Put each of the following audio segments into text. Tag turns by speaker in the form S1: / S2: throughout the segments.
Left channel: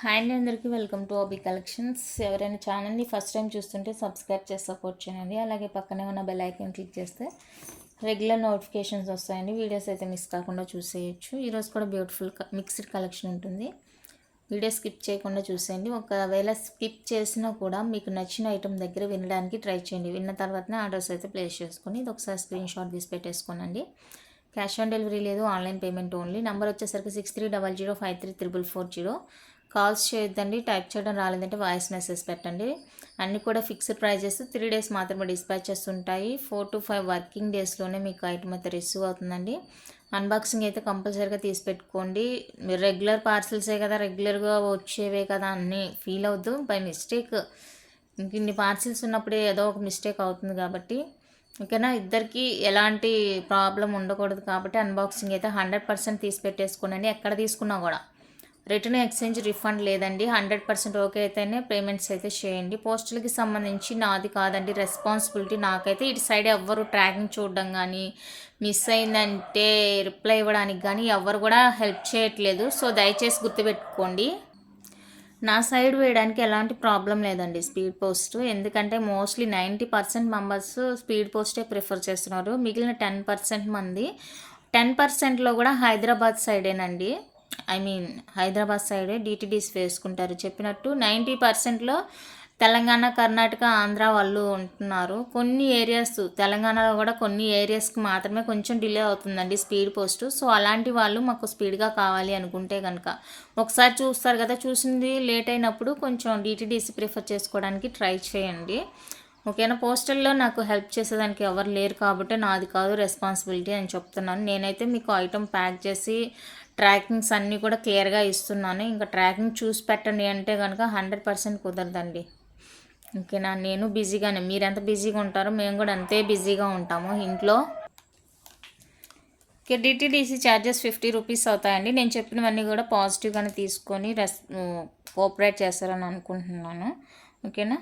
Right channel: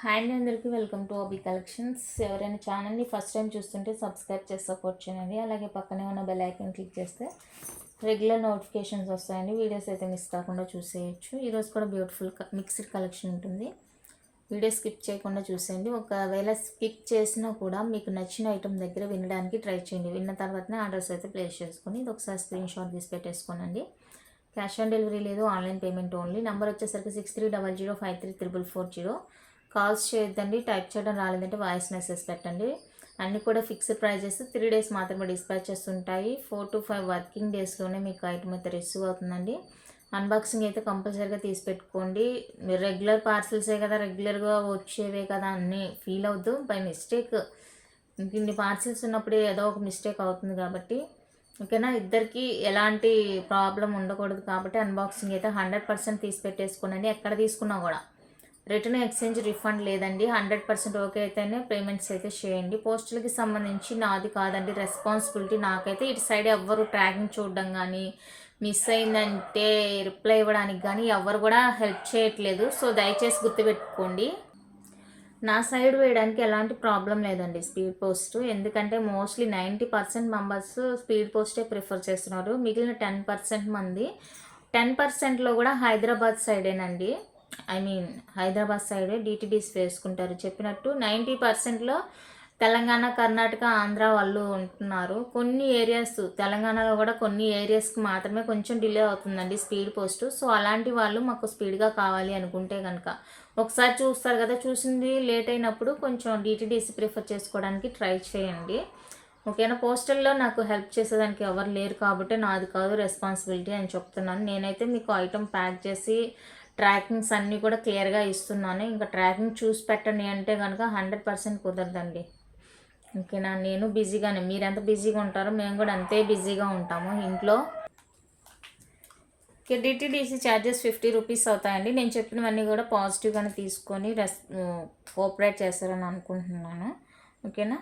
S1: Hi అండి అందరికీ. Welcome to OB collections. ఎవరైనా ఛానల్ని ఫస్ట్ టైం చూస్తుంటే సబ్స్క్రైబ్ చేసి సపోర్ట్ చేయండి. అలాగే పక్కనే ఉన్న బెల్ ఐకన్ క్లిక్ చేస్తే రెగ్యులర్ నోటిఫికేషన్స్ వస్తాయండి. వీడియోస్ అయితే మిస్ కాకుండా చూసేయచ్చు. ఈరోజు కూడా బ్యూటిఫుల్ మిక్స్డ్ కలెక్షన్ ఉంటుంది. వీడియో స్కిప్ చేయకుండా చూసేయండి. ఒకవేళ స్కిప్ చేసినా కూడా మీకు నచ్చిన ఐటమ్ దగ్గర వినడానికి ట్రై చేయండి. విన్న తర్వాతనే ఆర్డర్స్ అయితే ప్లేస్ చేసుకొని ఇది ఒకసారి స్క్రీన్ షాట్ తీసి పెట్టేసుకోనండి. క్యాష్ ఆన్ డెలివరీ లేదు ఆన్లైన్ పేమెంట్ ఓన్లీ. నెంబర్ వచ్చేసరికి six three double zero five three triple four zero. Calls చేయొద్దండి టైప్ చేయడం రాలేదంటే వాయిస్ మెసేజ్ పెట్టండి. అన్నీ కూడా ఫిక్స్డ్ ప్రైజెస్ త్రీ డేస్ మాత్రమే డిస్పాచెస్ ఉంటాయి ఫోర్ టు ఫైవ్ వర్కింగ్ డేస్లోనే మీకు ఐటమ్ అయితే రిసీవ్ అవుతుందండి. అన్బాక్సింగ్ అయితే కంపల్సరీగా తీసి పెట్టుకోండి. మీరు రెగ్యులర్ పార్సిల్సే కదా రెగ్యులర్గా వచ్చేవే కదా అన్నీ ఫీల్ అవుద్దు బై మిస్టేక్. ఇన్ని పార్సిల్స్ ఉన్నప్పుడే ఏదో ఒక మిస్టేక్ అవుతుంది కాబట్టి. ఓకేనా? ఇద్దరికి ఎలాంటి ప్రాబ్లం ఉండకూడదు కాబట్టి అన్బాక్సింగ్ అయితే హండ్రెడ్ పర్సెంట్ తీసి పెట్టేసుకోనండి. ఎక్కడ తీసుకున్నా కూడా. రిటర్న్ ఎక్స్చేంజ్ రిఫండ్ లేదండి. హండ్రెడ్ పర్సెంట్ ఓకే అయితేనే పేమెంట్స్ అయితే చేయండి. పోస్టులకి సంబంధించి నాది కాదండి. రెస్పాన్సిబిలిటీ నాకైతే ఇటు సైడ్ ఎవ్వరు ట్రాకింగ్ చూడడం కానీ మిస్ అయిందంటే రిప్లై ఇవ్వడానికి కానీ ఎవరు కూడా హెల్ప్ చేయట్లేదు. సో దయచేసి గుర్తుపెట్టుకోండి. నా సైడ్ వేయడానికి ఎలాంటి ప్రాబ్లం లేదండి స్పీడ్ పోస్ట్. ఎందుకంటే mostly ninety percent members speed పోస్టే prefer చేస్తున్నారు. మిగిలిన టెన్ పర్సెంట్ మంది. టెన్ పర్సెంట్లో కూడా Hyderabad సైడేనండి. I mean Hyderabad side DTDC వేసుకుంటారు. చెప్పినట్టు నైంటీ పర్సెంట్లో తెలంగాణ కర్ణాటక ఆంధ్ర వాళ్ళు ఉంటున్నారు. కొన్ని ఏరియాస్ తెలంగాణలో కూడా కొన్ని ఏరియాస్కి మాత్రమే కొంచెం డిలే అవుతుందండి స్పీడ్ పోస్ట్. సో అలాంటి వాళ్ళు మాకు స్పీడ్గా కావాలి అనుకుంటే కనుక ఒకసారి చూస్తారు కదా చూసింది లేట్ అయినప్పుడు కొంచెం డిటిడిసి ప్రిఫర్ చేసుకోవడానికి ట్రై చేయండి. ఓకేనా? పోస్టల్లో నాకు హెల్ప్ చేసేదానికి ఎవరు లేరు కాబట్టి నాది కాదు రెస్పాన్సిబిలిటీ అని చెప్తున్నాను. నేనైతే మీకు ఐటమ్ ప్యాక్ చేసి ట్రాకింగ్స్ అన్నీ కూడా క్లియర్గా ఇస్తున్నాను. ఇంకా ట్రాకింగ్ చూసి పెట్టండి అంటే కనుక హండ్రెడ్ పర్సెంట్ కుదరదండి. ఓకేనా? నేను బిజీగానే. మీరు ఎంత బిజీగా ఉంటారో మేము కూడా అంతే బిజీగా ఉంటాము ఇంట్లో. Okay DTDC charges fifty rupees అవుతాయండి. నేను చెప్పినవన్నీ కూడా పాజిటివ్గానే తీసుకొని రెస్ కోఆపరేట్ చేస్తారని అనుకుంటున్నాను. ఓకేనా?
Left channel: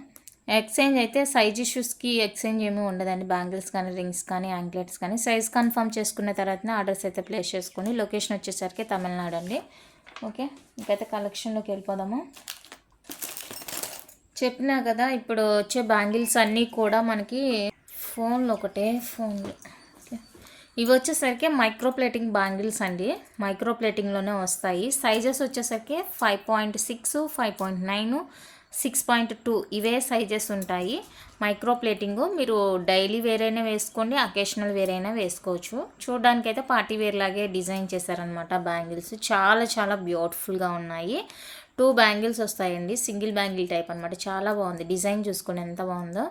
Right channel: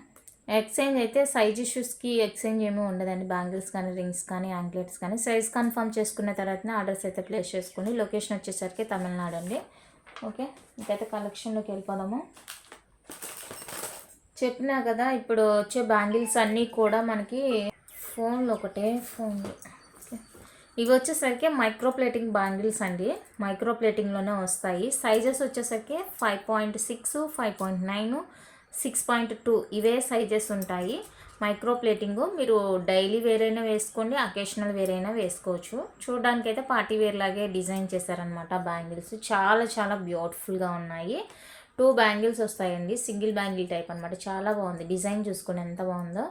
S1: ఎక్స్చేంజ్ అయితే సైజ్ ఇష్యూస్కి ఎక్స్చేంజ్ ఏమీ ఉండదండి. బ్యాంగిల్స్ కానీ రింగ్స్ కానీ యాంక్లెట్స్ కానీ. సైజ్ కన్ఫర్మ్ చేసుకున్న తర్వాతనే ఆర్డర్స్ అయితే ప్లేస్ చేసుకొని లొకేషన్ వచ్చేసరికి తమిళనాడు అండి. ఓకే ఇంకైతే కలెక్షన్లోకి వెళ్ళిపోదాము. చెప్పినా కదా ఇప్పుడు వచ్చే బ్యాంగిల్స్ అన్నీ కూడా మనకి ఫోన్లో ఒకటే ఫోన్. ఇవి వచ్చేసరికి మైక్రో ప్లేటింగ్ బ్యాంగిల్స్ అండి. మైక్రో ప్లేటింగ్లోనే వస్తాయి. సైజెస్ వచ్చేసరికి five point six five point nine six point two ఇవే సైజెస్ ఉంటాయి. మైక్రో ప్లేటింగ్ మీరు డైలీ వేరైనా వేసుకోండి అకేషనల్ వేరైనా వేసుకోవచ్చు. చూడడానికి అయితే పార్టీ వేర్ లాగే డిజైన్ చేశారనమాట బ్యాంగిల్స్ చాలా చాలా బ్యూటిఫుల్గా ఉన్నాయి. టూ బ్యాంగిల్స్ వస్తాయండి. సింగిల్ బ్యాంగిల్ టైప్ అనమాట చాలా బాగుంది. డిజైన్ చూసుకోండి ఎంత బాగుందో.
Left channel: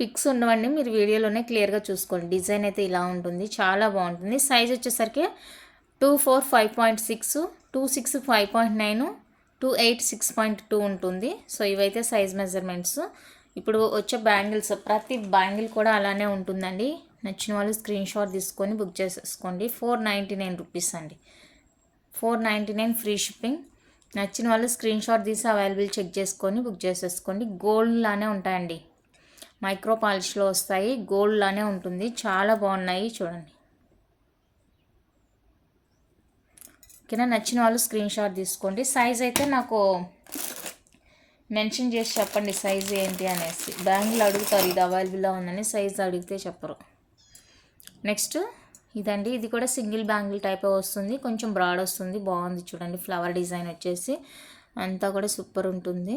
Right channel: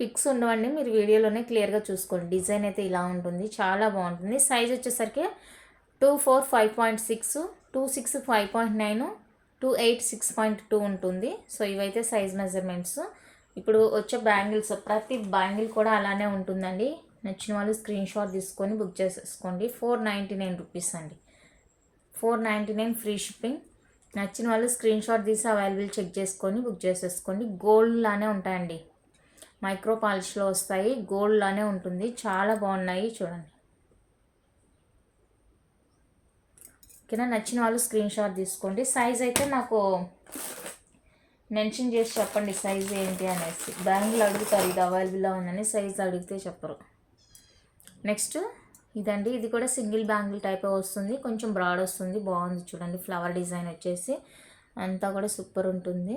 S1: పిక్స్ ఉండవండి మీరు వీడియోలోనే క్లియర్గా చూసుకోండి. డిజైన్ అయితే ఇలా ఉంటుంది. చాలా బాగుంటుంది. సైజ్ వచ్చేసరికి two four five point six two six five point nine two eight six point two ఉంటుంది. సో ఇవైతే సైజ్ మెజర్మెంట్స్ ఇప్పుడు వచ్చే బ్యాంగిల్స్ ప్రతి బ్యాంగిల్ కూడా అలానే ఉంటుందండి. నచ్చిన వాళ్ళు స్క్రీన్ షాట్ తీసుకొని బుక్ చేసేసుకోండి. ఫోర్ నైంటీ నైన్ రూపీస్ అండి. Four ninety nine free shipping నచ్చిన వాళ్ళు స్క్రీన్ షాట్ తీసి అవైలబుల్ చెక్ చేసుకొని బుక్ చేసేసుకోండి. గోల్డ్ లానే ఉంటాయండి. మైక్రో పాలిష్లో వస్తాయి. గోల్డ్ లానే ఉంటుంది. చాలా బాగున్నాయి. చూడండి. ఓకేనా నచ్చిన వాళ్ళు స్క్రీన్ షాట్ తీసుకోండి. సైజ్ అయితే నాకు మెన్షన్ చేసి చెప్పండి సైజ్ ఏంటి అనేసి. బ్యాంగిల్ అడుగుతారు ఇది అవైలబుల్గా ఉందని సైజ్ అడిగితే చెప్పరు. నెక్స్ట్ ఇదండి. ఇది కూడా సింగిల్ బ్యాంగిల్ టైప్ వస్తుంది. కొంచెం బ్రాడ్ వస్తుంది. బాగుంది చూడండి. ఫ్లవర్ డిజైన్ వచ్చేసి అంతా కూడా సూపర్ ఉంటుంది.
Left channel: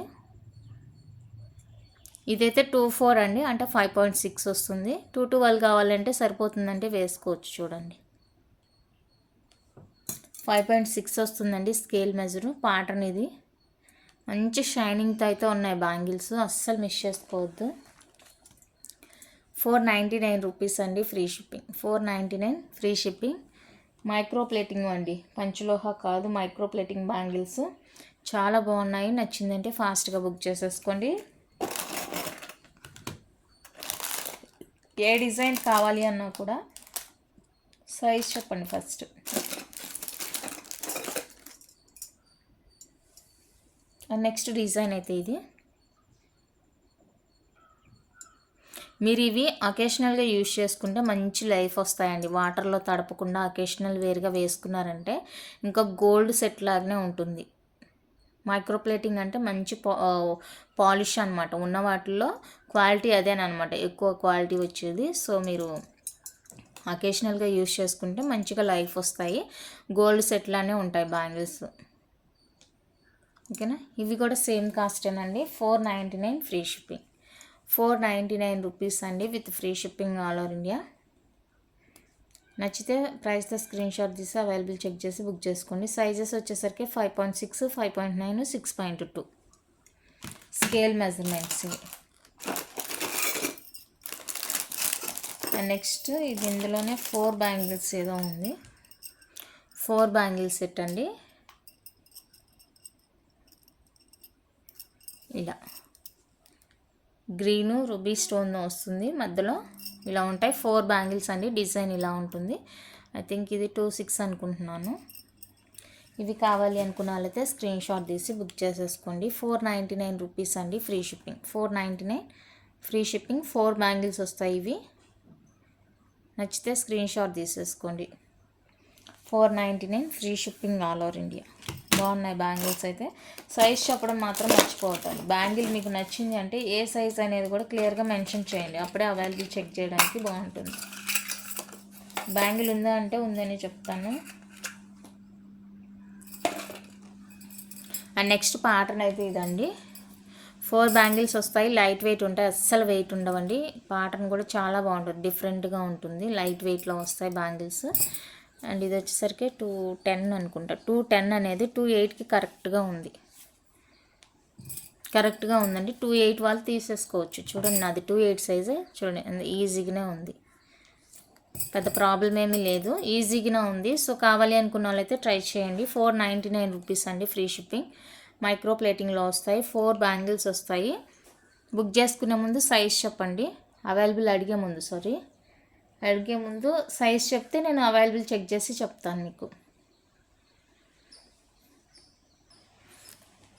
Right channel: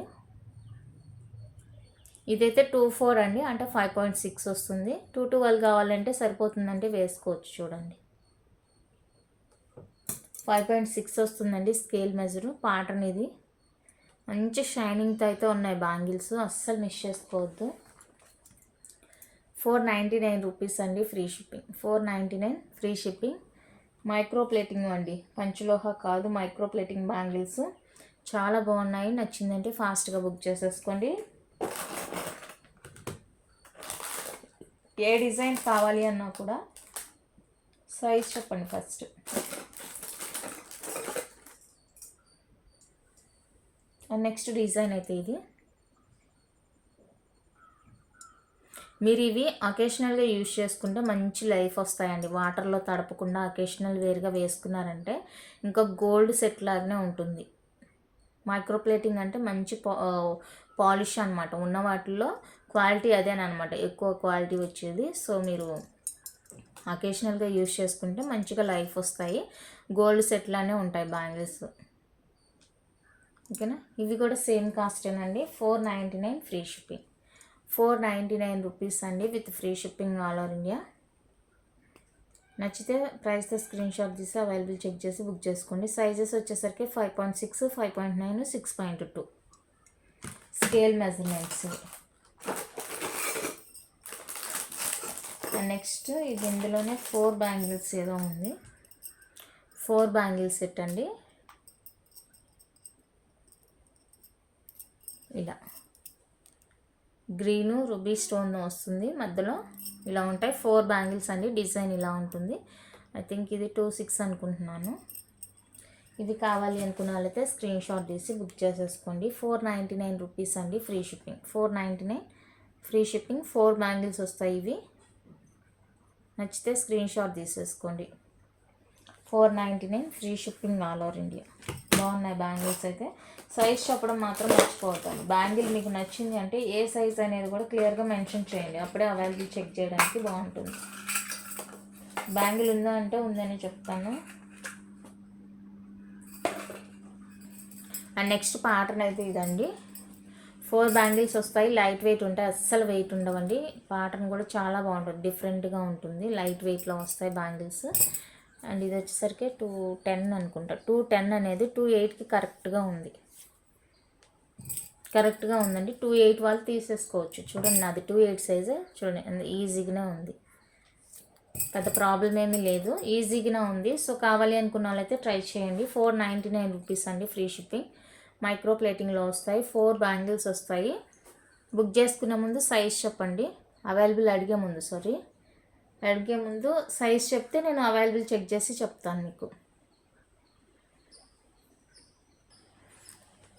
S1: ఇదైతే టూ ఫోర్ అండి. అంటే ఫైవ్ పాయింట్ సిక్స్ వస్తుంది. టూ ట్వెల్వ్ కావాలంటే సరిపోతుందంటే వేసుకోవచ్చు చూడండి. ఫైవ్ పాయింట్ సిక్స్ వస్తుందండి స్కేల్ మెజరు ప్యాటర్న్ ఇది మంచి షైనింగ్తో అయితే ఉన్నాయి బ్యాంగిల్స్ అస్సలు మిస్ చేసుకోవద్దు. ఫోర్ నైంటీ నైన్ రూపీస్ అండి free shipping. Four ninety nine free shipping. Micro plating అండి. పంచలోహ కాదు మైక్రో ప్లేటింగ్ బ్యాంగిల్స్. చాలా బాగున్నాయి. నచ్చిందంటే ఫాస్ట్గా బుక్ చేసేసుకోండి. ఏ డిజైన్ కావాలి అన్నా కూడా సైజ్ చెప్పండి ఫస్ట్. నెక్స్ట్ డిజైన్ అయితే ఇది. మీరు ఇవి అకేషనల్గా యూజ్ చేసుకుంటే మంచి లైఫ్ వస్తాయండి. వాటర్లో తడపకుండా అకేషనల్ వేర్గా వేసుకున్నారంటే ఇంకా గోల్డ్ సెట్ లాగానే ఉంటుంది. మైక్రోప్లేటింగ్ అంటే మంచి పాలిష్ అనమాట ఉన్న వాటిల్లో క్వాలిటీ అదేనమాట ఎక్కువ క్వాలిటీ వచ్చేది. సో మీరు అకేషనల్గా యూజ్ చేసుకుంటే మంచిగా లైఫ్ వస్తాయి. గోల్డ్ సెట్లానే ఉంటాయి బ్యాంగిల్స్. ఓకేనా? ఇవి కూడా same కాస్టేనండి. Four ninety nine free shipping. Four ninety nine rupees అండి with free shipping all over India. నచ్చితే ప్రైస్తో స్క్రీన్ షాట్ తీసి అవైలబుల్ చెక్ చేసి బుక్ చేసుకోండి. సైజెస్ వచ్చేసరికి five point six five point nine six point two. Scale measurements next ఇది ఇందులోనే four bangles ఏదో ఉంది. ఫోర్ బ్యాంగిల్స్ సెట్ అండి. ఇలా. గ్రీను రుబీ స్టోన్ వస్తుంది. మధ్యలో ఇలా ఉంటాయి. ఫోర్ బ్యాంగిల్స్ అండి. డిజైన్ ఇలా ఉంటుంది. ఐ థింక్ ఇది టూ సిక్స్ అనుకుంటున్నాను. ఇవి కావాలి అనుకున్న వాళ్ళైతే స్క్రీన్ షాట్ తీసి బుక్ చేసేసుకోండి. ఫోర్ నైంటీ నైన్ రూపీస్ అండి free shipping. Four ninety nine free shipping. Four bangles వస్తాయి ఇవి. నచ్చితే స్క్రీన్ షాట్ తీసేసుకోండి. Four ninety nine free shipping all over India. బాగున్నాయి బ్యాంగిల్స్ అయితే. సైజ్ చెప్పడం మాత్రం మర్చిపోతాను బ్యాంగిల్ మీకు నచ్చింది అంటే ఏ సైజ్ అనేది కూడా క్లియర్గా మెన్షన్ చేయండి. అప్పుడే అవైలబుల్ చెక్ చేయడానికి బాగుంటుంది. బ్యాంగిల్ ఉందా అంటే ఉందని చెప్తాను. అండ్ నెక్స్ట్ ప్యాటర్న్ అయితే ఇదండి. ఫోర్ బ్యాంగిల్స్ వస్తాయి. లైట్ వెయిట్ ఉంటాయి అస్సలు వెయిట్ ఉండవండి. ప్యాటర్న్ కూడా చాలా బాగుంటుంది. డిఫరెంట్గా ఉంటుంది. లైట్ వెయిట్లో వస్తాయి బ్యాంగిల్స్. అండ్ ఇది వచ్చేసరికి టూ టెన్ అనుకుంటా. టూ టెన్ అనేది టూ ఎయిట్కి కరెక్ట్గా ఉంది. కరెక్ట్గా ఉందండి. టూ ఎయిట్ వాళ్ళు తీసేసుకోవచ్చు. చూడండి నాది టూ ఎయిట్ సైజే. చూడండి ఈజీగానే ఉంది. పెద్ద ప్రాబ్లం ఏమీ లేదు. ఈజీగానే ఉంది. సో కావాలి అనుకున్న వాళ్ళైతే ట్రై చేయండి. ఫోర్ నైంటీ నైన్ రూపీస్ అండి ఫ్రీ షిప్పింగ్. మైక్రో ప్లేటింగ్లో వస్తాయి. ఫోర్ బ్యాంగిల్స్ వస్తాయి. బుక్ చేసుకునే ముందు సైజ్ చెప్పండి. అవైలబుల్ అడిగే ముందు సారీ. అడిగే ముందు సైజ్ చెప్తే నేను అవైలబుల్ చెక్ చేసి చెప్తాను మీకు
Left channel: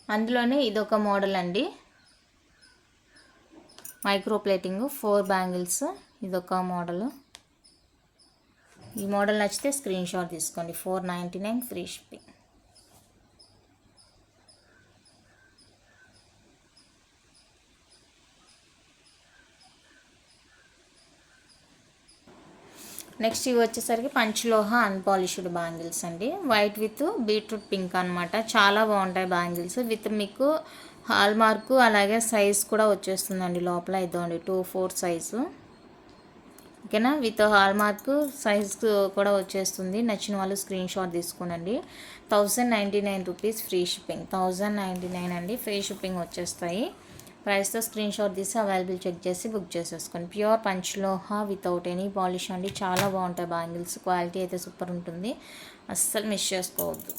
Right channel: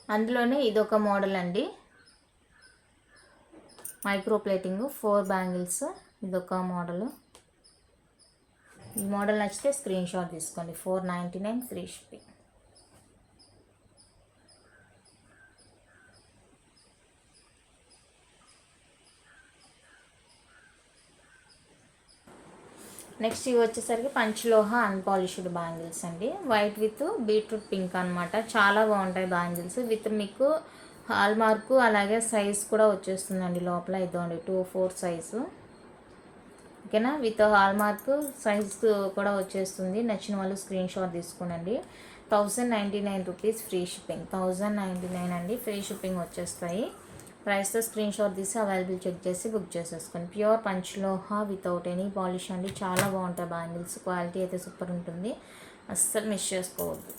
S1: అందులోనే ఇదొక మోడల్ అండి. మైక్రో ప్లేటింగ్ ఫోర్ బ్యాంగిల్స్ ఇదొక మోడల్ ఈ మోడల్ నచ్చితే స్క్రీన్ షాట్ తీసుకోండి four ninety nine free shipping next ఇవి వచ్చేసరికి పంచలోహ అన్పాలిష్డ్ బ్యాంగిల్స్ అండి. వైట్ విత్ బీట్రూట్ పింక్ అనమాట చాలా బాగుంటాయి బ్యాంగిల్స్. విత్ మీకు హాల్ మార్కు అలాగే సైజ్ కూడా వచ్చేస్తుందండి లోపల. ఇదిగోండి టూ ఫోర్ సైజు ఓకేనా? విత్ హాల్ మార్క్ సైజ్ కూడా వచ్చేస్తుంది. నచ్చిన వాళ్ళు screen shot తీసుకోనండి. Thousand ninety nine rupees free shipping thousand ninety nine అండి. ఫ్రీ షిప్పింగ్ వచ్చేస్తాయి. ప్రైస్తో స్క్రీన్ షాట్ తీసి అవైలబుల్ చెక్ చేసి బుక్ చేసేసుకోండి. ప్యూర్ పంచ్లోహ వితౌట్ ఎనీ పాలిష్ అండి. చాలా బాగుంటాయి బ్యాంగిల్స్. క్వాలిటీ అయితే సూపర్ ఉంటుంది. అస్సలు మిస్ చేసుకోవద్దు.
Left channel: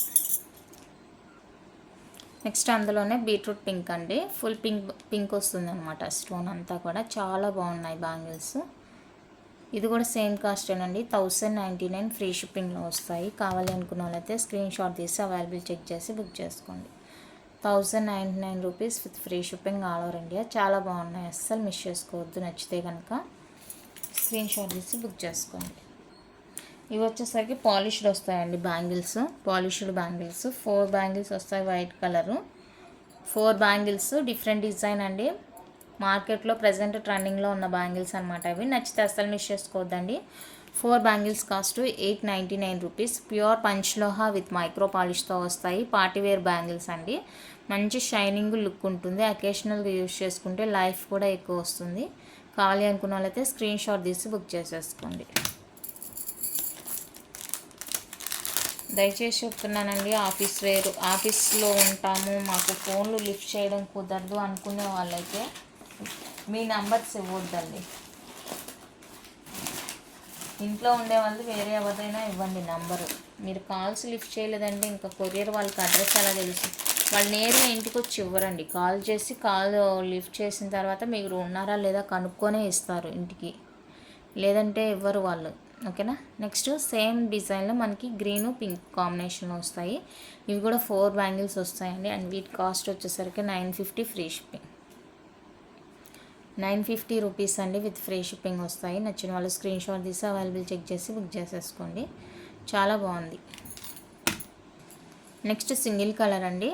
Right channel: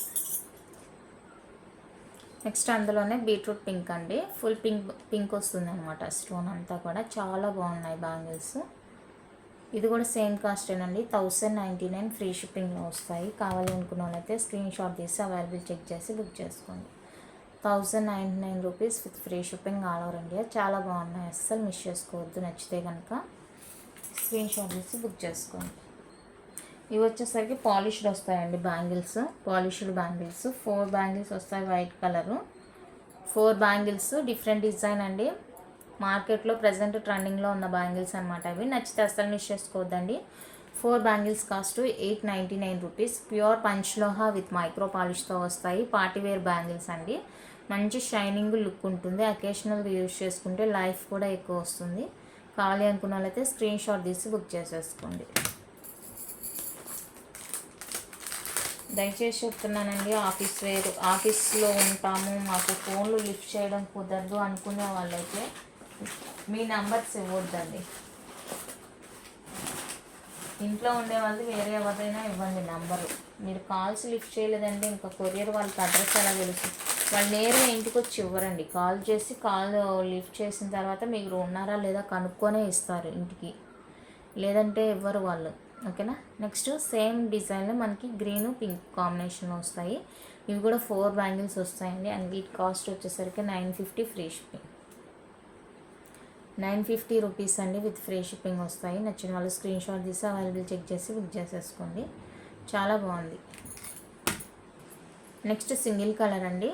S1: నెక్స్ట్ అందులోనే బీట్రూట్ పింక్ అండి. ఫుల్ పింక్ పింక్ వస్తుంది అనమాట స్టోన్ అంతా కూడా. చాలా బాగున్నాయి బ్యాంగిల్స్. ఇది కూడా సేమ్ కాస్టేనండి థౌసండ్ నైంటీ నైన్ ఫ్రీ షిప్పింగ్లో వస్తాయి. కావాలి అనుకున్న వాళ్ళైతే స్క్రీన్ షాట్ తీసి అవైలబుల్ చెక్ చేసి బుక్ చేసుకోండి. Thousand ninety nine rupees with free shipping all over India. చాలా బాగున్నాయి. అస్సలు మిస్ చేసుకోవద్దు. నచ్చితే కనుక స్క్రీన్ షాట్ తీసి బుక్ చేసుకోండి. ఇవి వచ్చేసరికి పాలిష్డ్ వస్తాయండి bangles. Polished bangles. Four bangles వస్తాయి white colour. Four bangles. Different design అండి. మార్కెట్లో ప్రజెంట్ ట్రెండింగ్లో ఉన్న బ్యాంగిల్స్ అనమాట అవి నచ్చితే అస్సలు మిస్ చేసుకోవద్దండి. Four bangles cost eight ninety nine rupees. Pure పంచ్లోహ with micro పాలిష్తో వస్తాయి. పార్టీవేర్ బ్యాంగిల్స్ అండి. మంచి షైనింగ్ లుక్ ఉంటుంది. అకేషనల్గా యూజ్ చేసుకుంటే లైఫ్ కూడా ఎక్కువ వస్తుంది. కావాలి అనుకున్న వాళ్ళైతే స్క్రీన్ షాట్ తీసి బుక్ చేసేసుకోండి. దయచేసి చెప్తున్నానండి ఆఫీస్ వేరు ఆఫీస్లో ఉంటాము. మాకు ఫోన్లు లిఫ్ట్ చేయడం కుదరదు అనుకునే వాళ్ళైతే మీ నంబర్స్ ఇవ్వద్దండి. ఇంట్లో ఉండే వాళ్ళు వేరే ఎవరైనా ఇవ్వండి నెంబరు. మీరు కాల్స్ లిఫ్ట్ చేయలేదంటే ఇంకా కొరియర్ వాళ్ళకి అడ్రస్ ఎలా తెలుసు? వాళ్ళు నేరుగా ఇంటికి వచ్చి ఇవ్వరండి. కాల్ చేసి కాల్ లిఫ్ట్ చేసిన తర్వాత మీరు ఉన్నారా లేదా కనుక్కొనే ఇస్తారు ఇంటికి. లేదంటే ఇవ్వరు వాళ్ళు. ఓకేనా? నెక్స్ట్ సేమ్ డిజైన్లో మనకి గ్రీన్ పింక్ కాంబినేషన్ వస్తాయి. ఇవి కూడా ఫోర్ బ్యాంగిల్స్ వస్తాయండి. అండ్ వీటి కాస్ట్ వచ్చేసరికి nine fifty free shipping. Nine fifty rupees అండి విత్ ఫ్రీ షిప్పింగ్ వస్తాయి. నచ్చిన వాళ్ళు స్క్రీన్ షాట్ తీసి అవైలబుల్ చెక్ చేసి బుక్ చేసేసుకోండి. చాలా బాగుంది. నెక్స్ట్ సింగిల్ కలర్ అండి.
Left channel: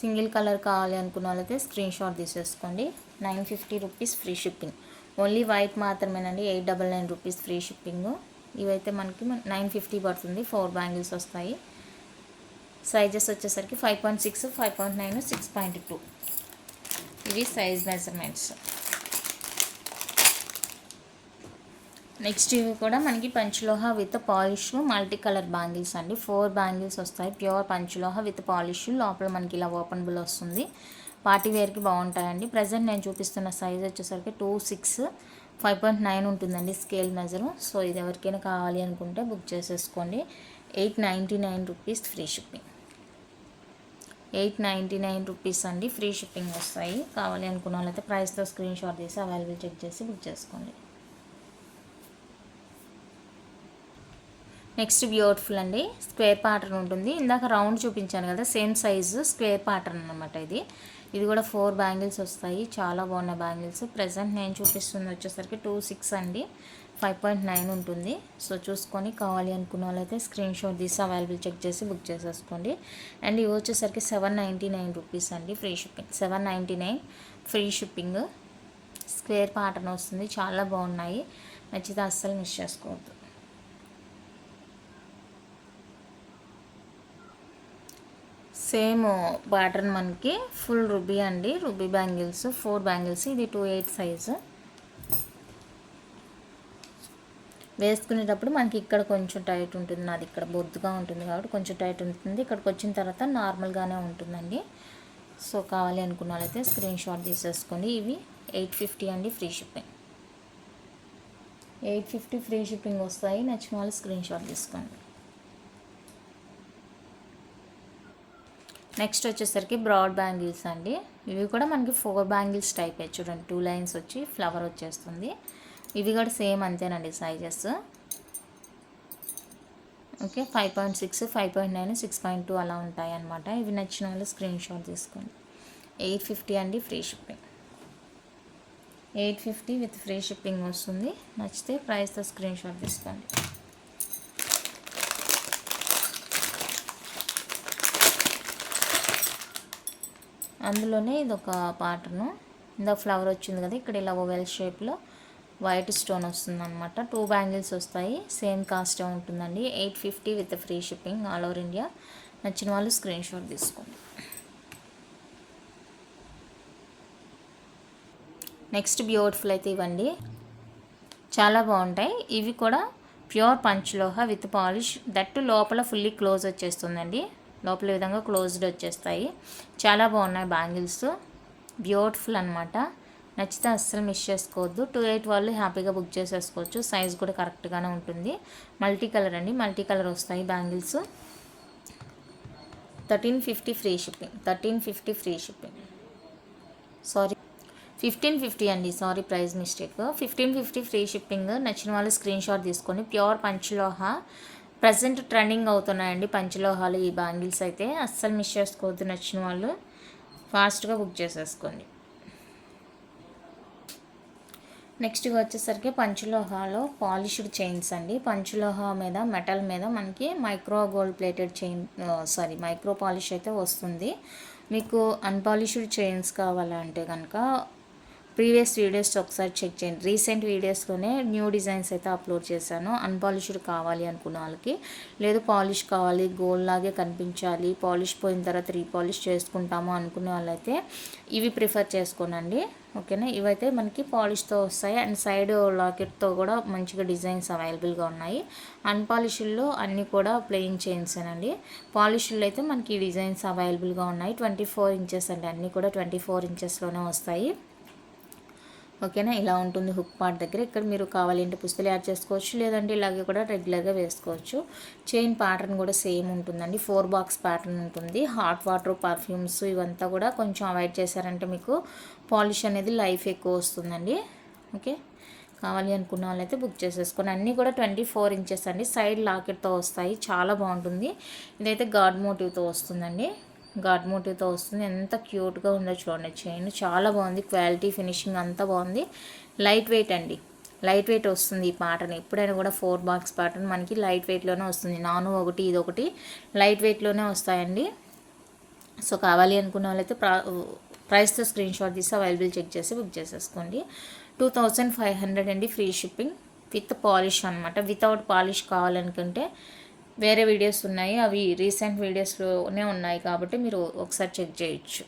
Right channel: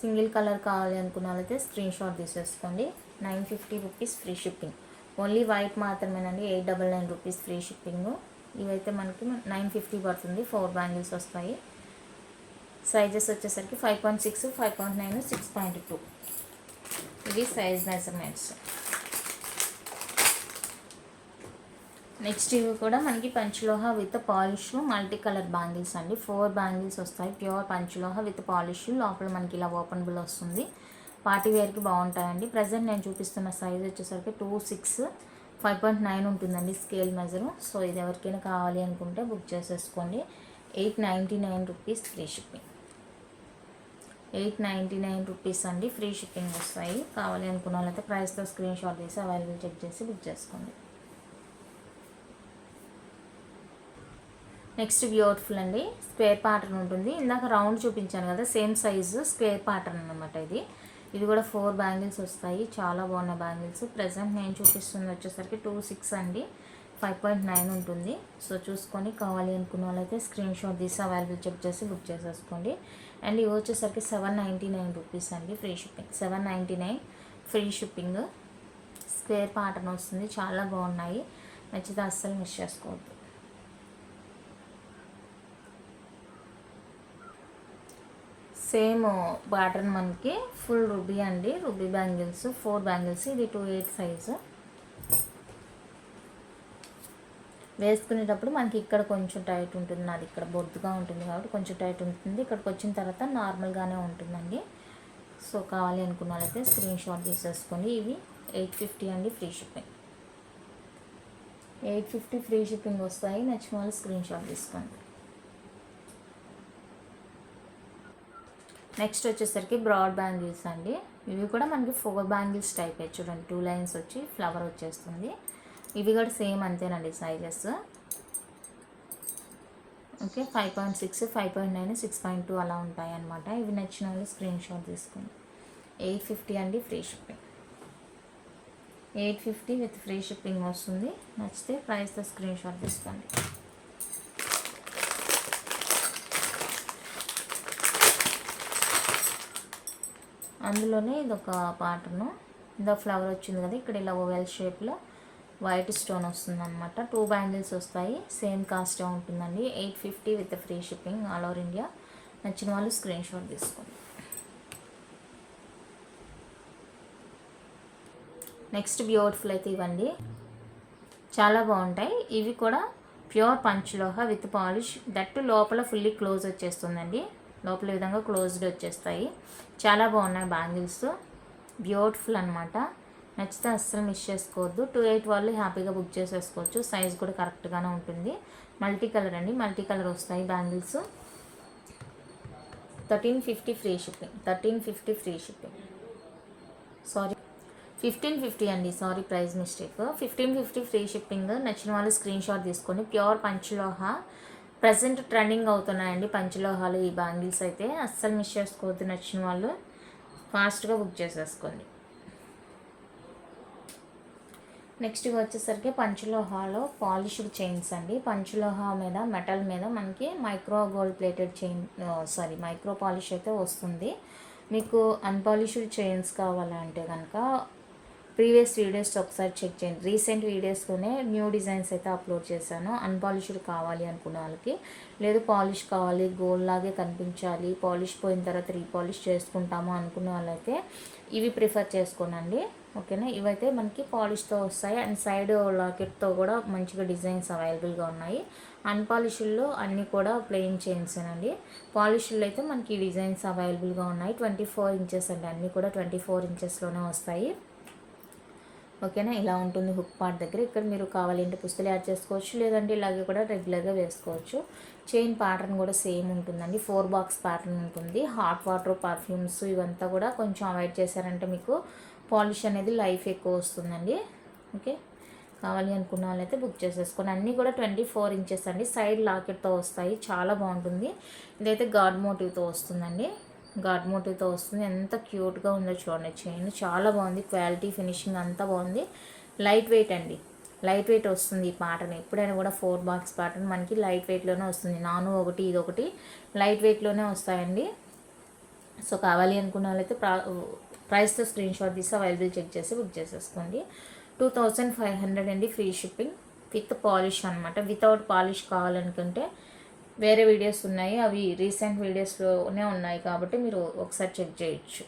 S1: సింగిల్ కలర్ కావాలి అనుకున్న వాళ్ళైతే స్క్రీన్ షాట్ తీసేసుకోండి. Nine fifty rupees free shipping. Only white మాత్రమేనండి. Eight double nine rupees free shipping. ఇవైతే మనకి నైన్ ఫిఫ్టీ పడుతుంది. ఫోర్ బ్యాంగిల్స్ వస్తాయి. సైజెస్ వచ్చేసరికి five point six five point nine six point two. ఇవి సైజ్ మెజర్మెంట్స్. నెక్స్ట్ ఇవి కూడా మనకి పంచలోహ with polish multi colour bangles అండి. ఫోర్ బ్యాంగిల్స్ వస్తాయి. ప్యూర్ పంచలోహ విత్ పాలిష్ లోపల మనకి ఇలా ఓపెనబుల్ వస్తుంది. పార్టీ వేర్కి బాగుంటాయండి. ప్రజెంట్ నేను చూపిస్తున్న సైజ్ వచ్చేసరికి two six five point nine ఉంటుందండి స్కేల్ మెజరు. సో ఇది ఎవరికైనా కావాలి అనుకుంటే బుక్ చేసేసుకోండి. Eight ninety nine rupees free shipping. Eight ninety nine rupees అండి. ఫ్రీ షిప్పింగ్ వస్తాయి. కావాలి అనుకున్న వాళ్ళైతే ప్రైస్తో స్క్రీన్ షాట్ చేసి అవైలబుల్ చెక్ చేసి బుక్ చేసుకోండి. నెక్స్ట్ బ్యూటిఫుల్ అండి. స్క్వేర్ ప్యాటర్న్ ఉంటుంది. ఇందాక రౌండ్ చూపించాను కదా సేమ్ సైజు స్క్వేర్ ప్యాటర్న్ అనమాట ఇది. ఇది కూడా ఫోర్ బ్యాంగిల్స్ వస్తాయి. చాలా బాగున్నాయి బ్యాంగిల్స్. ప్రజెంట్ నేను చూపిస్తుంది వచ్చేసరికి టూ సిక్స్ అండి. ఫైవ్ పాయింట్ నైన్ ఉంటుంది. సో చూసుకొని కావాలి అనుకున్న వాళ్ళైతే స్క్రీన్ షాట్ తీసి అవైలబుల్ చెక్ చేసి బుక్ చేసేసుకోండి. అండ్ ఇవి వచ్చేసరికి సెవెన్ నైంటీ నైన్ రూపీస్ అండి free shipping. Seven ninety nine free shipping. Square pattern వస్తుంది. చాలా బాగున్నాయి. నచ్చితే అస్సలు మిస్ చేసుకోవద్దు. సేమ్ ప్యాటర్న్ మనకి ఫుల్ రుబీ అండి. Ruby bangles four bangles. ఇది టూ ఎయిట్ సైజు. వేసుకునేటప్పుడు మనకి ఇక్కడ కొంచెం టైట్ ఉంటుంది. నాది ఇక్కడ బొద్దుగా ఉంటుంది కాబట్టి కొంచెం టైట్ ఉంటుంది. ఇక్కడికి వచ్చిన తర్వాత నార్మల్గానే ఉంటుందండి. సో కావాలి అనుకున్న వాళ్ళైతే స్క్రీన్ షాట్ తీసేసుకోండి. ఇవి ఎయిట్ ఫిఫ్టీ అండి free shipping. Eight fifty free shipping వస్తాయి. నచ్చిన వాళ్ళు స్క్రీన్ షాట్ తీసుకోండి. నెక్స్ట్ వచ్చేసరికి బ్రాడ్ బ్యాంగిల్స్ అండి. ఇవి కూడా మనకి ఫోర్ బ్యాంగిల్స్ టైప్. చూడండి టూ లైన్స్ వచ్చి ఫ్లవర్ వచ్చేస్తుంది. ఇవి కూడా సేమ్ అంతేనండి sizes. Okay five point six five point nine six point two అలా ఉంటాయి అనమాట ఇవి నచ్చిన వాళ్ళు స్క్రీన్ షాట్ తీసుకోండి. ఎయిట్ ఫిఫ్టీ అండి free shipping. Eight fifty with free shipping వస్తుంది. నచ్చితే ప్రైస్తో స్క్రీన్ షాట్ తీసుకోండి. అందులోనే ఇది ఒక పాటను. ఇందా ఫ్లవర్ వచ్చింది కదా ఇక్కడ ఇలా ఓవెల్ షేప్లో వైట్ స్టోన్ వస్తుంది అనమాట టూ బ్యాంగిల్స్ వస్తాయి సేమ్ కాస్ట్ ఉంటుందండి. Eight fifty with free shipping all over India నచ్చిన వాళ్ళు స్క్రీన్ షాట్ తీసుకోండి. నెక్స్ట్ బ్యూటిఫుల్ అయితే ఇవ్వండి. చాలా బాగుంటాయి. ఇవి కూడా pure panchaloha with polish that లోపల ఫుల్లీ క్లోజ్ వచ్చేస్తుందండి. లోపల విధంగా క్లోజ్డ్ వచ్చేస్తాయి. చాలా బాగున్నాయి బ్యాంగిల్స్ బ్యూటిఫుల్ అనమాట నచ్చితే అస్సలు మిస్ చేసుకోవద్దు. టూ ఎయిట్ వాళ్ళు హ్యాపీగా బుక్ చేసేసుకోవచ్చు. సైజ్ కూడా కరెక్ట్గానే ఉంటుంది. మల్టీ కలర్ అండి. మల్టీ కలర్ వస్తాయి bangles. Thirteen fifty free shipping. Thirteen fifty free shipping. Sorry fifteen fifty అండి. Sorry price mistake. Fifteen fifty free shipping. నచ్చిన వాళ్ళు స్క్రీన్ షాట్ తీసుకొని ప్యూర్ పంచలోహ. ప్రజెంట్ ట్రెండింగ్ అవుతున్నాయండి పంచలోహాలు ఈ బ్యాంగిల్స్ అయితే. అస్సలు మిస్ చేసుకోవద్దు నచ్చిన వాళ్ళు. ఫాస్ట్గా బుక్ చేసేసుకోండి. నెక్స్ట్ వచ్చేసరికి పంచలోహాలో పాలిష్డ్ చైన్స్ అండి. పంచలోహ మీద మెటల్ మీద మనకి micro gold plated chain sorry micro polish అయితే వస్తుంది. మీకు అన్పాలిష్డ్ చైన్స్ కావాలంటే కనుక ప్రీవియస్ వీడియోస్ ఒకసారి చెక్ చేయండి. రీసెంట్ వీడియోస్లోనే న్యూ డిజైన్స్ అయితే అప్లోడ్ చేశాను. అన్పాలిష్డ్ కావాలి అనుకున్న వాళ్ళకి లేదు పాలిష్ కావాలి గోల్డ్ లాగే కనిపించాలి పాలిష్ పోయిన తర్వాత రీపాలిష్ చేసుకుంటాము అనుకున్న వాళ్ళైతే ఇవి ప్రిఫర్ చేసుకోనండి. ఓకేనా? ఇవైతే మనకి పాలిష్తో వస్తాయి. అండ్ సైడ్ లాకెట్తో కూడా మంచిగా డిజైన్స్ అవైలబుల్గా ఉన్నాయి. అన్పాలిష్డ్లో అన్నీ కూడా ప్లెయిన్ చైన్సేనండి పాలిష్లో అయితే మనకి డిజైన్స్ అవైలబుల్గా ఉన్నాయి. ట్వంటీ ఫోర్ ఇంచెస్ అండి. అన్నీ కూడా ట్వంటీ ఫోర్ ఇంచెస్లోనే వస్తాయి. ఓకేనా? ఇలా ఉంటుంది హుక్ పార్ట్ దగ్గర. ఇక్కడ మీరు కావాలంటే పుస్తలు యాడ్ చేసుకోవచ్చు. లేదంటే ఇలాగే కూడా రెగ్యులర్గా వేసుకోవచ్చు. చైన్ ప్యాటర్న్ కూడా సేమ్ ఉంటుందండి. ఫోర్ బాక్స్ ప్యాటర్న్ ఉంటుంది. హాట్ వాటర్ పర్ఫ్యూమ్స్ ఇవంతా కూడా కొంచెం అవాయిడ్ చేశారంటే మీకు పాలిష్ అనేది లైఫ్ ఎక్కువ వస్తుందండి. ఓకే? కావాలి అనుకున్న వాళ్ళైతే బుక్ చేసేసుకోండి. అన్నీ కూడా ట్వంటీ ఫోర్ ఇంచెస్ అండి. సైడ్ లాకెట్తో వస్తాయి. చాలా బాగుంటుంది. ఇదైతే గాడ్ మోటివ్తో వస్తుందండి. ఘాట్ మోటివ్తో వస్తుంది. ఎంత క్యూట్గా ఉందో చూడండి. చైన్ చాలా బాగుంది. క్వాలిటీ ఫినిషింగ్ అంతా బాగుంది. లైట్ వెయిట్ అండి. లైట్ వెయిట్ వస్తుంది ఈ పాటను ఎప్పుడైనా కూడా ఫోర్ బాక్స్ పాటను మనకి లైట్ వెయిట్లోనే వస్తుంది. నాను ఒకటి ఇది ఒకటి లైట్ వెయిట్లోనే వస్తాయండి. సో కావాలి అనుకున్న వాళ్ళైతే ప్రా ప్రైస్తో స్క్రీన్ షాట్ తీసి అవైలబుల్ చెక్ చేసి బుక్ చేసేసుకోండి. టూ థౌజండ్ ఫైవ్ హండ్రెడ్ అండి ఫ్రీ షిప్పింగ్ విత్ పాలిష్ అనమాట వితౌట్ పాలిష్ కావాలనుకుంటే వేరే వీడియోస్ ఉన్నాయి. అవి రీసెంట్ వీడియోస్లోనే ఉన్నాయి కాబట్టి మీరు ఒకసారి చెక్ చేయొచ్చు.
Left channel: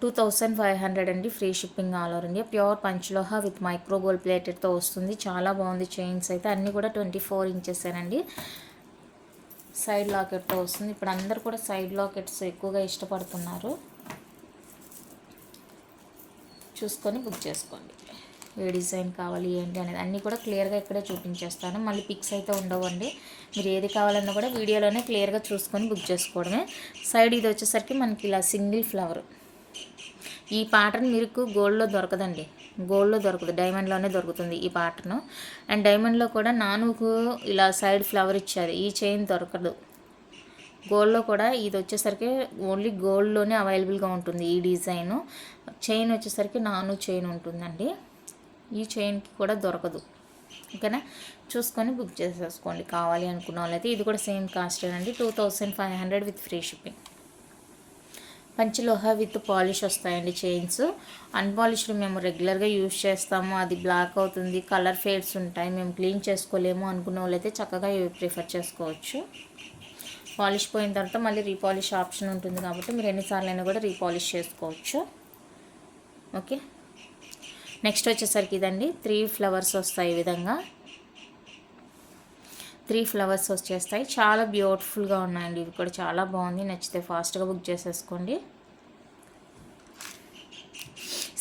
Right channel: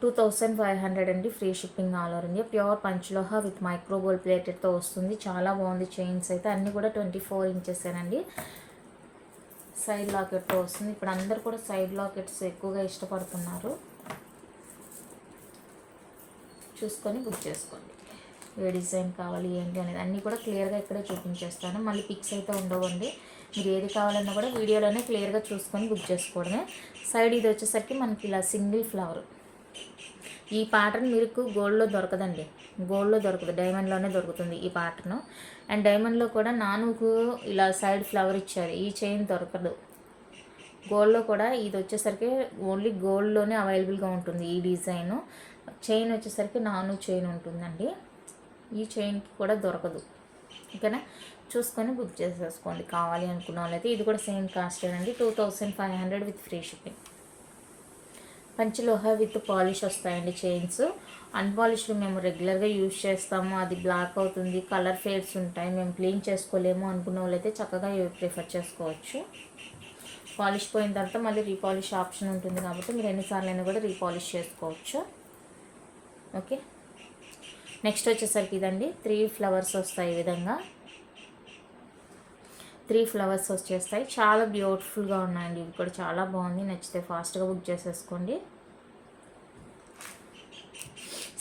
S1: టూ థౌజండ్ ఫైవ్ హండ్రెడ్ అండి free shipping all over India. Pure panchaloha with micro gold ప్లేటెడ్తో వస్తుంది. చాలా బాగుంది. చైన్స్ అయితే అన్నీ కూడా ట్వంటీ ఫోర్ ఇంచెస్ అండి సైడ్ లాకెట్తో వస్తుంది. ఇప్పుడు అందరు కూడా సైడ్ లాకెట్స్ ఎక్కువగా ఇష్టపడుతున్నారు. చూసుకొని బుక్ చేసుకోండి. ఏ డిజైన్ కావాలి ఏంటి అనేది అన్నీ కూడా క్లియర్గా ఇక్కడే చూపించేస్తాను. మళ్ళీ పిక్స్ అయితే ఉండవండి. మీరు ఏది కావాలన్నా కూడా వీడియోలోనే క్లియర్గా చూసుకొని బుక్ చేసుకోవడమే. సైడ్ ఇది వచ్చేసరికి మనకి ఇలా సింగిల్ ఫ్లవర్. ఈ ప్యాటర్న్ మీకు గోల్డ్లో దొరకదండి. గోల్డ్లో దొరకదు డైమండ్లోనే దొరుకుతుంది ఈ ప్యాటర్న్ అండ్ డైమండ్లో కూడా నానుకు ఇలా సైడ్ ఫ్లవర్ ఇచ్చారు ఈ చైన్ దొరకదు. గోల్డ్లో కూడా ఇది వచ్చేసరికి ఓన్లీ గోల్డ్లోనే అవైలబుల్గా ఉంటుంది ఈ డిజైన్. చైన్ వచ్చేసరికి నాను చైన్ ఉంటుందండి. ఈ చైన్కి కూడా దొరకదు. ఓకేనా? చూసుకొని బుక్ చేసేసుకోండి. కావాలి అనుకున్న వాళ్ళైతే ఇది కూడా సేమ్ కాస్ట్ అండి two thousand five hundred with free shipping. మంచి లోహ విత్ పాలిష్ వస్తాయండి చైన్స్. అన్పాలిష్డ్ మేము రెగ్యులర్గా యూజ్ చేస్తాము. అది బ్లాక్ అవుతుంది కలర్ ఫేడ్స్ ఉంటాయి. మేము క్లీన్ చేసుకోలేము అనుకున్న వాళ్ళైతే చక్కగా ఇవి ప్రిఫర్ చేసుకోవచ్చు. పాలిష్ పోయిన తర్వాత మళ్ళీ రీపాలిష్ ఆప్షన్ ఉంటుంది కాబట్టి మీరు ఎన్నిసార్లు అయినా కూడా రీపాలిష్ చేసుకోవచ్చు. ఓకే? నెక్స్ట్ వచ్చేసరికి ఇదండి. త్రీ ఫ్లవర్స్ వస్తాయి ఈ విధంగా. త్రీ ఫ్లవర్స్ వచ్చేస్తాయి. చాలా బ్యూటిఫుల్గా ఉన్నాయండి. ఇవి కూడా చాలా బాగుంది. నచ్చితే ఫాస్ట్గా బుక్ చేసేసుకోండి.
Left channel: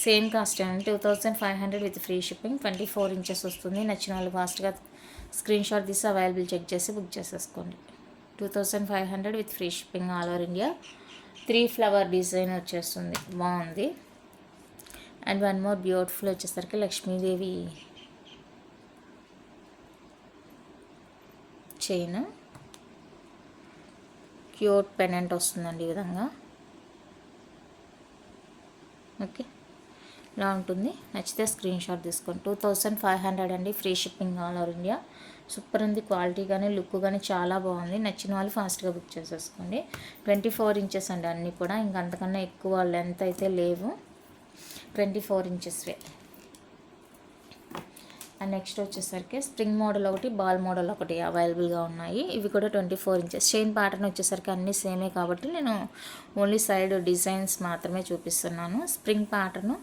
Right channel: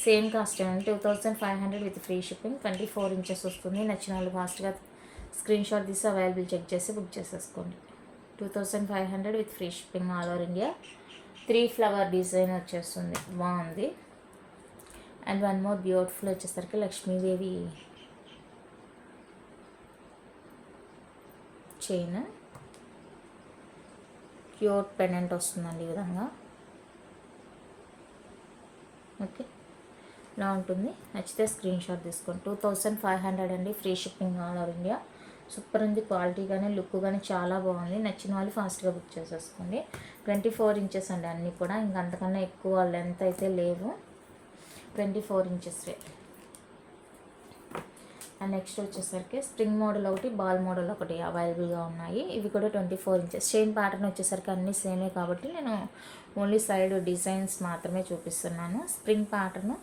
S1: సేమ్ కాస్ట్ అండి. Two thousand five hundred with free shipping. Twenty four inches వస్తుంది. నచ్చిన వాళ్ళు ఫాస్ట్గా స్క్రీన్ షాట్ తీసి అవైలబుల్ చెక్ చేసి బుక్ చేసేసుకోండి. Two thousand five hundred with free shipping all over India. Three flower design వచ్చేస్తుంది. బాగుంది. అండ్ వన్ మోర్ బ్యూటిఫుల్ వచ్చేసరికి లక్ష్మీదేవి చైన్. క్యూట్ పెనెంట్ వస్తుందండి ఈ విధంగా. ఓకే. ఇలా ఉంటుంది. నచ్చితే స్క్రీన్ షాట్ తీసుకోండి. టూ థౌసండ్ ఫైవ్ హండ్రెడ్ అండి. Free shipping all over India. Super ఉంది. క్వాలిటీ కానీ లుక్ కానీ చాలా బాగుంది. నచ్చిన వాళ్ళు ఫాస్ట్గా బుక్ చేసేసుకోండి. ట్వంటీ ఫోర్ ఇంచెస్ అండి అన్నీ కూడా. ఇంక అంతకన్నా ఎక్కువ లెంత్ అయితే లేవు. ట్వంటీ ఫోర్ ఇంచెస్వే అండ్ నెక్స్ట్ వచ్చేసరికి స్ప్రింగ్ మోడల్ ఒకటి బాల్ మోడల్ ఒకటి అవైలబుల్గా ఉన్నాయి. ఇవి కూడా twenty four inches chain pattern వచ్చేసరికి అన్నీ సేమే కాబట్టి నేను ఓన్లీ సైడ్ డిజైన్స్ మాత్రమే చూపిస్తున్నాను. స్ప్రింగ్ ప్యాటర్న్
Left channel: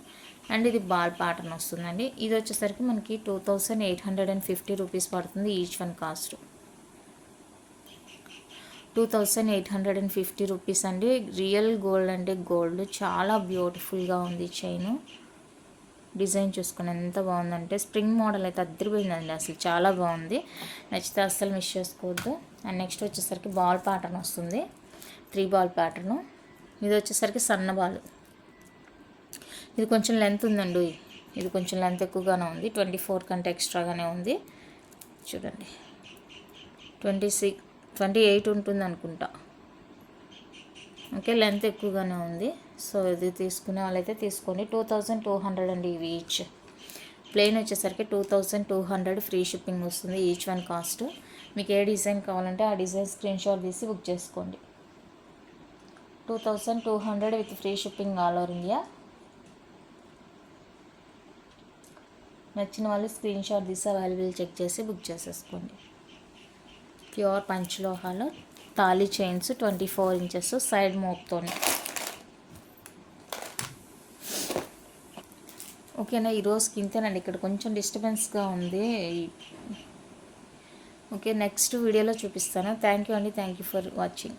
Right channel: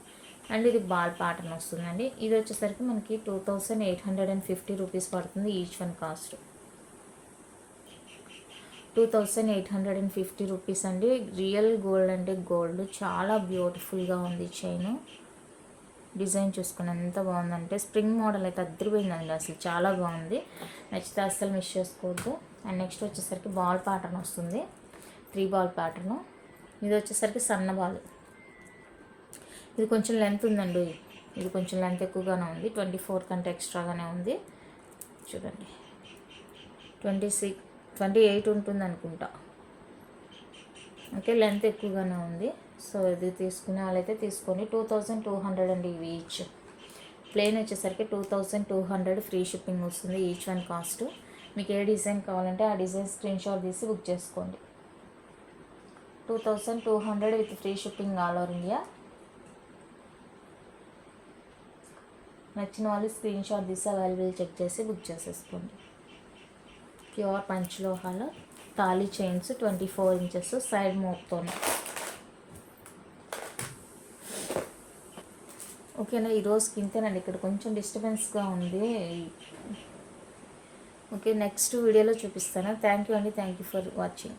S1: అండ్ ఇది బాల్ ప్యాటర్న్ వస్తుందండి. ఇది వచ్చేసరికి మనకి two thousand eight hundred and fifty rupees పడుతుంది each one cost two thousand eight hundred and fifty rupees అండి. రియల్ గోల్డ్ అంటే గోల్డ్ చాలా బ్యూటిఫుల్గా ఉంది చైన్ డిజైన్ చూసుకుని ఎంత బాగుందంటే స్ప్రింగ్ మోడల్ అయితే అద్దరిపోయిందండి అసలు. చాలా బాగుంది. నచ్చితే అస్సలు మిస్ చేసుకోవద్దు. అండ్ నెక్స్ట్ వచ్చేసరికి బాల్ ప్యాటర్న్ వస్తుంది. త్రీ బాల్ ప్యాటర్ను ఇది వచ్చేసరికి సన్న బాల్ ఇది కొంచెం లెంత్ ఉందండి ఇది కొంచెం లెంత్ ఎక్కువగానే ఉంది. ట్వంటీ ఫోర్ కంటే ఎక్స్ట్రాగానే ఉంది. చూడండి. ట్వంటీ సిక్స్ ట్వంటీ ఎయిట్ ఉంటుంది అనుకుంటా ఓకే లెంత్ ఎక్కువగానే ఉంది. సో ఇది తీసుకునే వాళ్ళైతే తీసుకోండి టూ థౌజండ్ టూ హండ్రెడ్ అండి ఇవి ఈచ్ ప్లెయిన్ వచ్చేసరికి two thousand two hundred free shipping వస్తుంది ఈచ్ వన్ కాస్ట్ మీకు ఏ డిజైన్ కావాలంటే ఆ డిజైన్ స్క్రీన్ షాట్ తీసి బుక్ చేసుకోండి. Two thousand two hundred with free shipping all over India నచ్చిన వాళ్ళు స్క్రీన్ షాట్ తీసి అవైలబుల్ చెక్ చేసి బుక్ చేసేసుకోండి. ప్యూర్ పంచలోహాలో thali chains twenty four inches side మోప్తోనే ఓకేనా? ఈరోజుకి ఇంతేనండి ఇక్కడ కొంచెం డిస్టర్బెన్స్గా ఉంది. ఓకే నెక్స్ట్ వీడియోలో చూపిస్తాను. థ్యాంక్ యూ అండి. Thank you for watching.